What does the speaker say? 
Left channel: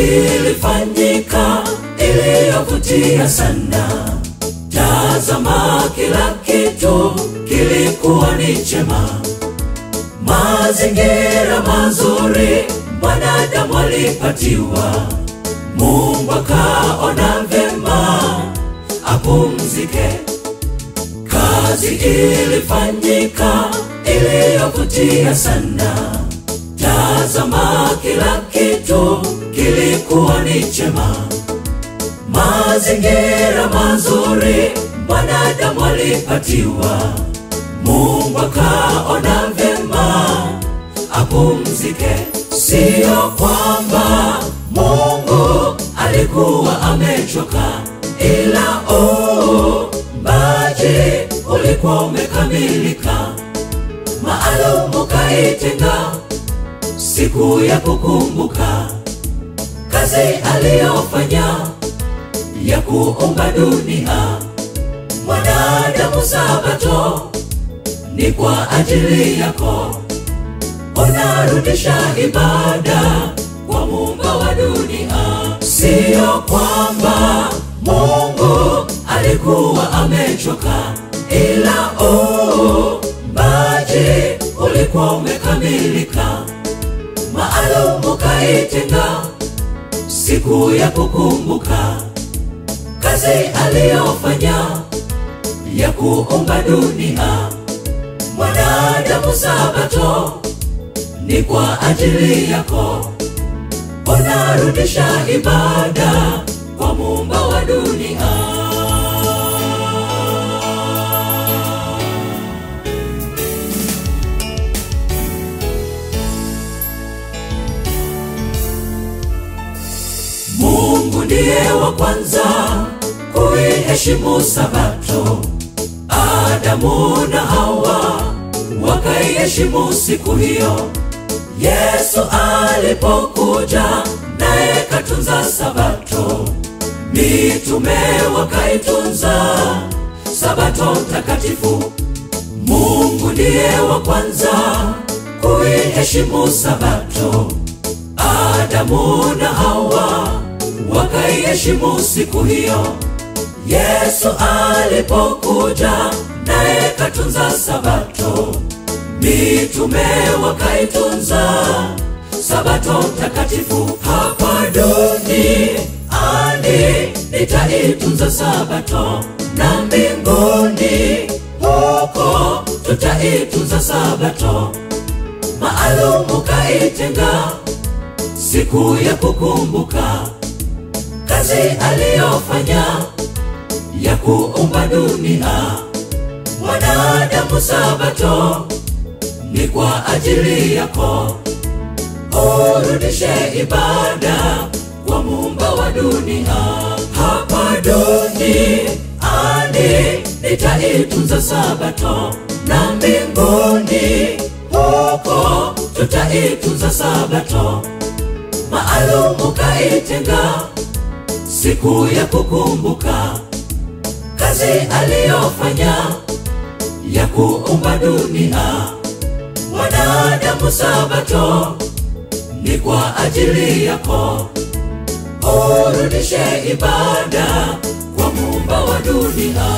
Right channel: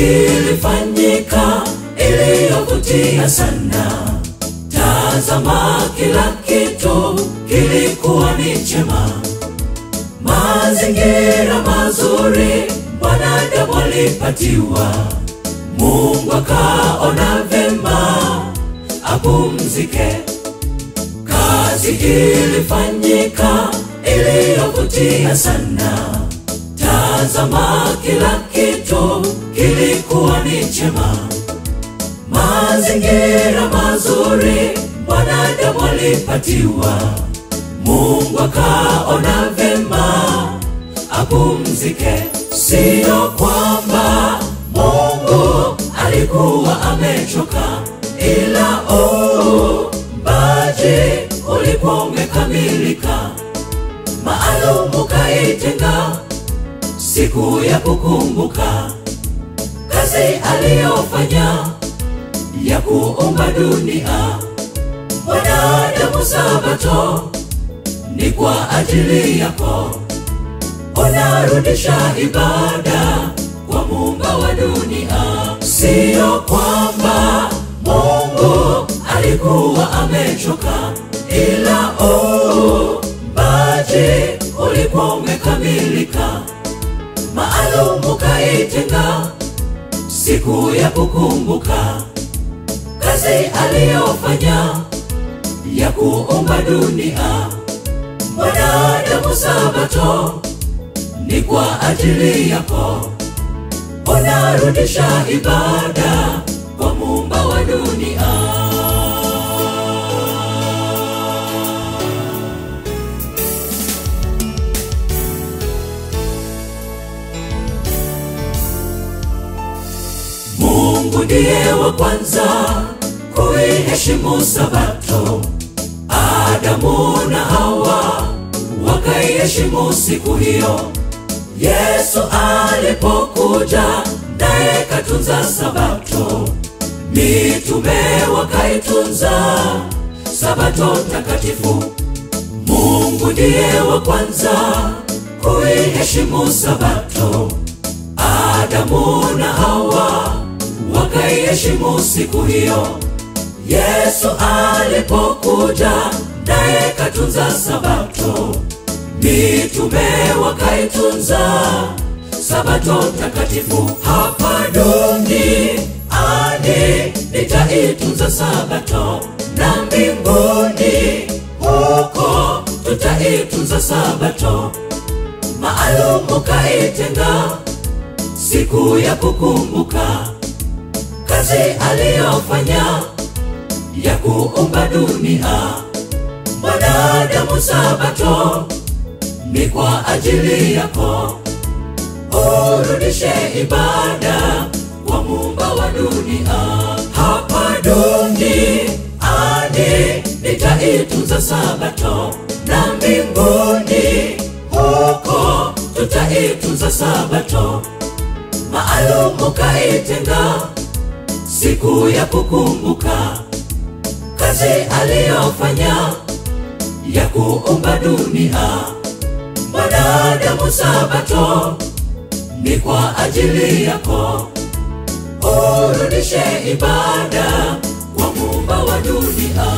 ilifanyika iliyovutia sana. Tazama kila kitu kilikuwa ni chema, mazingira mazuri wanadamu walipatiwa. Mungu akaona vema apumzike. Kazi ilifanyika iliyovutia sana. Tazama kila kitu kilikuwa ni chema, mazingira mazuri wanadamu walipatiwa. Mungu akaona vema apumzike. Sio kwamba Mungu alikuwa amechoka, ila uumbaji ulikuwa umekamilika. Maalum kaitenga siku ya kukumbuka kazi aliyofanya ya kuumba dunia. Mwanadamu, Sabato ni kwa ajili yako. Unarudisha ibada kwa Muumba wa dunia. Sio kwamba Mungu alikuwa amechoka, ila uumbaji ulikuwa umekamilika. Maalum kaitenga siku ya kukumbuka kazi aliyofanya ya kuumba dunia. Mwanadamu, Sabato ni kwa ajili yako. Unarudisha ibada kwa Muumba wa dunia. Mungu ndiye wa kwanza kuiheshimu Sabato. Adamu na Hawa wakaiheshimu siku hiyo. Yesu alipokuja naye katunza Sabato. Mitume wakaitunza Sabato takatifu. Mungu ndiye wa kwanza kuiheshimu Sabato. Adamu na Hawa wakaiheshimu siku hiyo. Yesu alipokuja naye katunza Sabato. Mitume wakaitunza Sabato takatifu. Hapa duniani nitaitunza Sabato, na mbinguni huko tutaitunza Sabato. Maalum kaitenga siku ya kukumbuka kazi aliyofanya ya kuumba dunia. Mwanadamu, Sabato ni kwa ajili yako. Urudishe ibada kwa Muumba wa dunia. Hapa duniani nitaitunza Sabato, na mbinguni huko tutaitunza Sabato. Maalum kaitenga siku ya kukumbuka kazi aliyofanya ya kuumba dunia. Mwanadamu, Sabato ni kwa ajili yako. Urudishe ibada kwa Muumba wa dunia.